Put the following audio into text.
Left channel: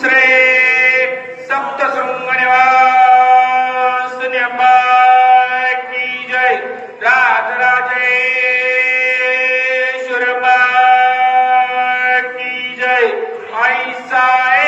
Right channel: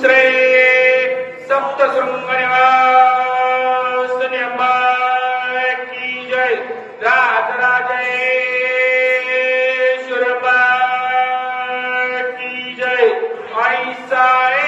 श्री सप्तशृंग निवासिनी अंबा की जय। राजराजेश्वर अंबा की जय। आई साई